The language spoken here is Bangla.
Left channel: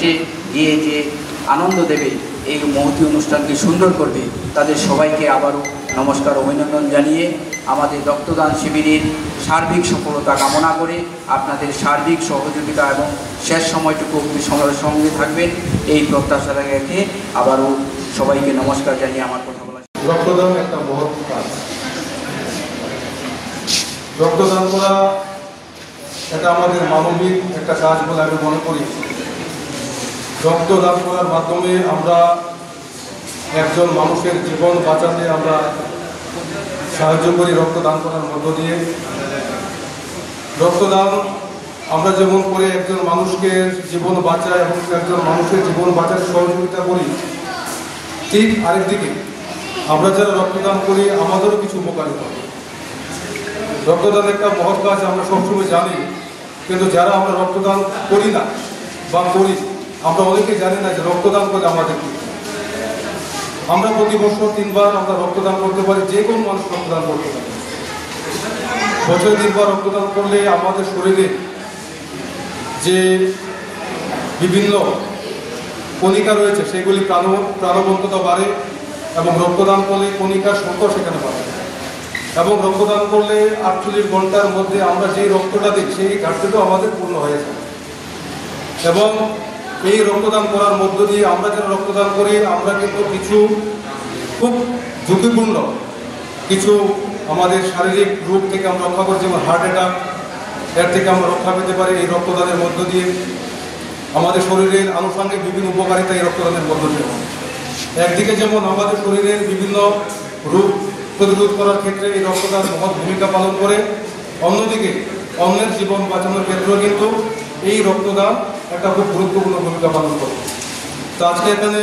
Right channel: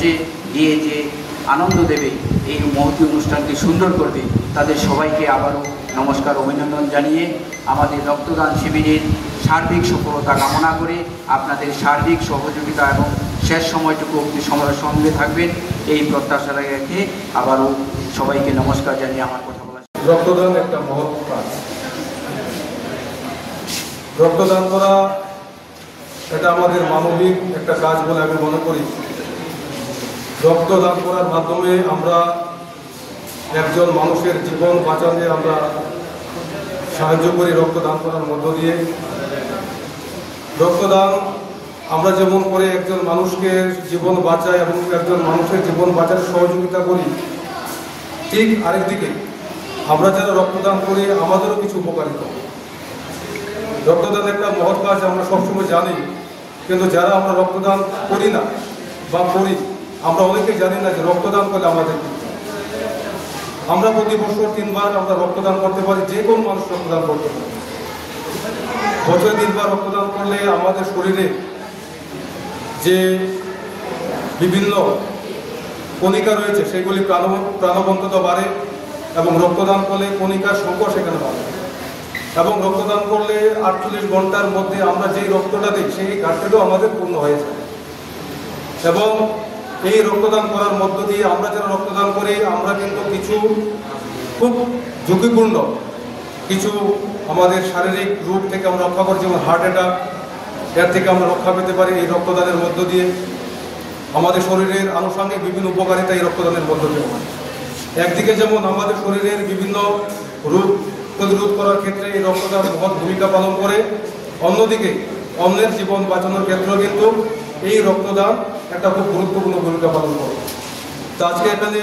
নেচে গিয়ে যে আনন্দ দেবে, এই মহতী অনুষ্ঠানকে সুন্দর করবে, তাদের সবাইকে আবারও নমস্কার, অভিনন্দন জানিয়ে আমাদের রক্তদান শিবিরের সার্বিক সফলতা কামনা করে আপনাদের সার্বিক সহযোগিতা এবং শেষ সময়টুকু অবধি সঙ্গে থাকবেন এই প্রত্যাশা রেখে আবারও সবাইকে নমস্কার জানিয়ে আমার কথা বলা। রক্তদান একটা মহৎ কাজ। রক্তদান করা এটা আমাদের মানবিক একটা কাজ বলে আমি মনে করি। রক্তদান করার মাধ্যমে আমরা একজন মানুষের জীবন বাঁচাতে আমরা সাহায্য করি রক্তদান করার মধ্য দিয়ে। রক্তদান আমরা যেমন করে একজন মানুষকে জীবন বাঁচাই এবং একজন মানুষের জীবন বাঁচাতে সহযোগিতা করি, ঠিক আরেকদিকে আমরা যারা রক্তদান করি আমাদেরও কিছু উপকারিতা। রক্তদান একটা মহৎ কাজ আমরা সবসময় জানি, কিন্তু যারা আমরা রক্তদান করি না বা করি, আমরা অনেকেই জানি না যে রক্তদান করে আমাদের কি। আমরা প্রতি বছর 3 বার আমরা রক্তদান করতে পারি, যে কোনো মানুষ রক্তদান করতে পারে। বছরে 3 বার রক্তদান করলে আমাদের শরীরে যে বিভিন্ন কণিকা রয়েছে সেগুলি প্রাণবন্ততা বাড়ে এবং রক্তদান করলে কণিকার সংখ্যা সেখানে বাড়ে। এবং রক্তদান করলে 48 ঘন্টার মধ্যে আমরা যে রক্তটা দিই সেই ঘাটতিটাও আমাদের পূর্ণ হয়ে যায়। এবং এই রক্তদান করার মধ্য দিয়ে আমরা যারা রক্তদান করি আমরা কিন্তু কিছু খুব ঝুঁকিপূর্ণ কিছু আমাদের শারীরিক রোগ থেকে আমরা রক্ষা করি, যেমন হার্ট অ্যাটাক, এর থেকে আমরা রক্ষা পেতে পারি এই রক্তদানের মধ্য দিয়ে। আমাদের শরীরের আনুষঙ্গিক বিভিন্ন উপকারিতা এই রক্তদানের মধ্য দিয়ে। একদিকে যেমন আমাদের শরীরের বিভিন্ন রোগ প্রতিরোধ করার ক্ষেত্রে এই রক্তদান মহৎ ভূমিকা পালন করে, অন্যদিকে অন্যের জীবন বাঁচানোর ক্ষেত্রেও কিন্তু এই রক্তদান একটা খুব গুরুত্বপূর্ণ ভূমিকা পালন করে। তো আজকে এখানে